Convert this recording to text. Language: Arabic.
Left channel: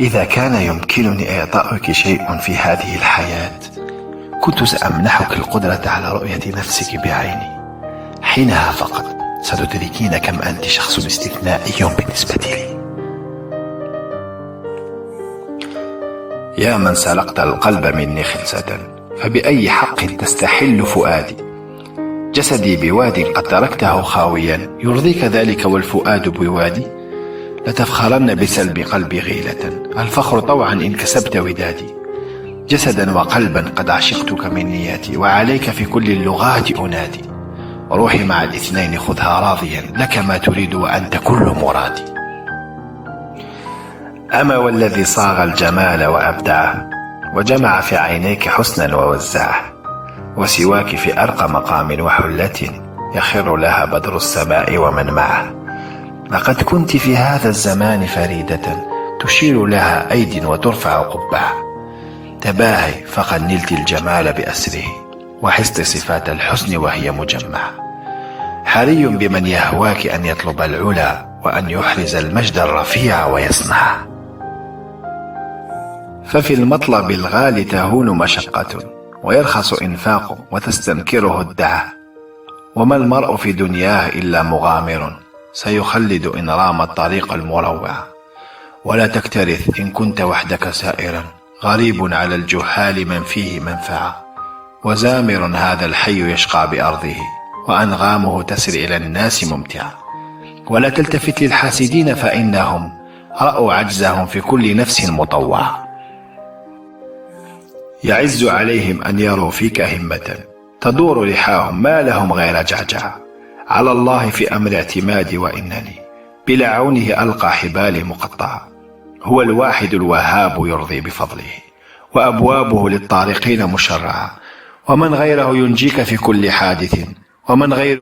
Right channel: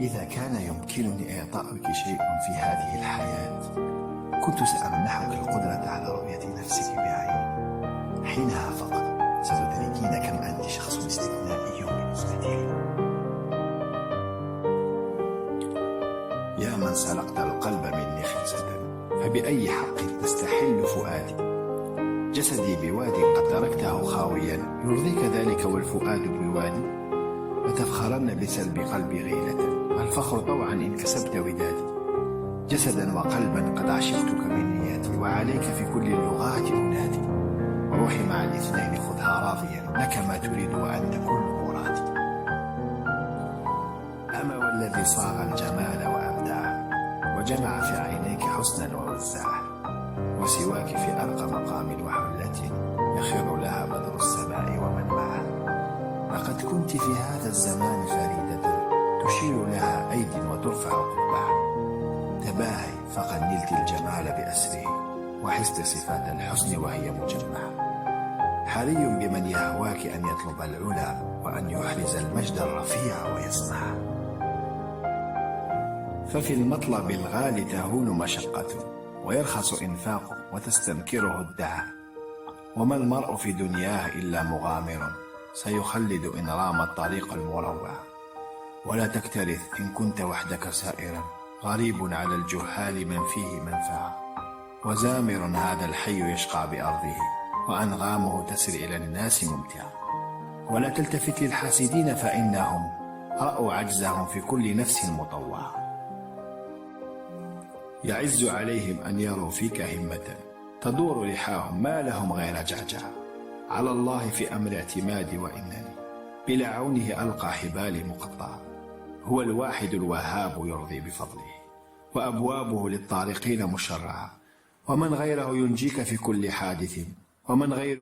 إذا كان يمكنني إعطائك شيء في هذه الحياة كنت سأمنحك القدرة على رؤية نفسك بعيني. حينها فقط ستدركين كم أنت شخص استثنائي بالنسبة لي. يا من سرقت القلب مني خلسة، فبأي حق تستحل فؤادي؟ جسدي بواد قد تركته خاويا، يرضيك ذلك والفؤاد بوادي؟ لتفخرن بسلب قلبي غيلة، الفخر طوعا إن كسبت ودادي. جسدا وقلبا قد عشقتك من نياتي، وعليك في كل اللغات أنادي. روحي مع الاثنين خذها راضيا، لك ما تريد وأنت كل مرادي. أما والذي صاغ الجمال وأبدعه، وجمع في عينيك حسنا ووزعه، وسواك في أرقى مقام وحلة يخر لها بدر السماء ومن معه. لقد كنت في هذا الزمان فريدة، تشير لها أيد وترفع قبعة. تباهي فقد نلت الجمال بأسره، وحست صفات الحسن وهي مجمعة. حري بمن يهواك أن يطلب العلا، وأن يحرز المجد الرفيع ويصنعه. ففي المطلب الغالي تهون مشقة، ويرخص إنفاق وتستنكره الدعة. وما المرء في دنياه إلا مغامر، سيخلد إن رام الطريق المروع. ولا تكترث إن كنت وحدك سائرا، غريب على الجحال من فيه منفعة. وزامر هذا الحي يشقى بأرضه، وأنغامه تسري إلى الناس ممتعة. ولا تلتفت للحاسدين فإنهم رأوا عجزهم في كل نفس مطوعة. يعز عليهم أن يروا فيك همة، تدور لحاهم ما لهم غير جعجعة. على الله في أمر اعتمادي، وإنني بلا عونه ألقى حبالي مقطعة. هو الواحد الوهاب يرضي بفضله، وأبوابه للطارقين مشرعة. ومن غيره ينجيك في كل حادث، ومن غيره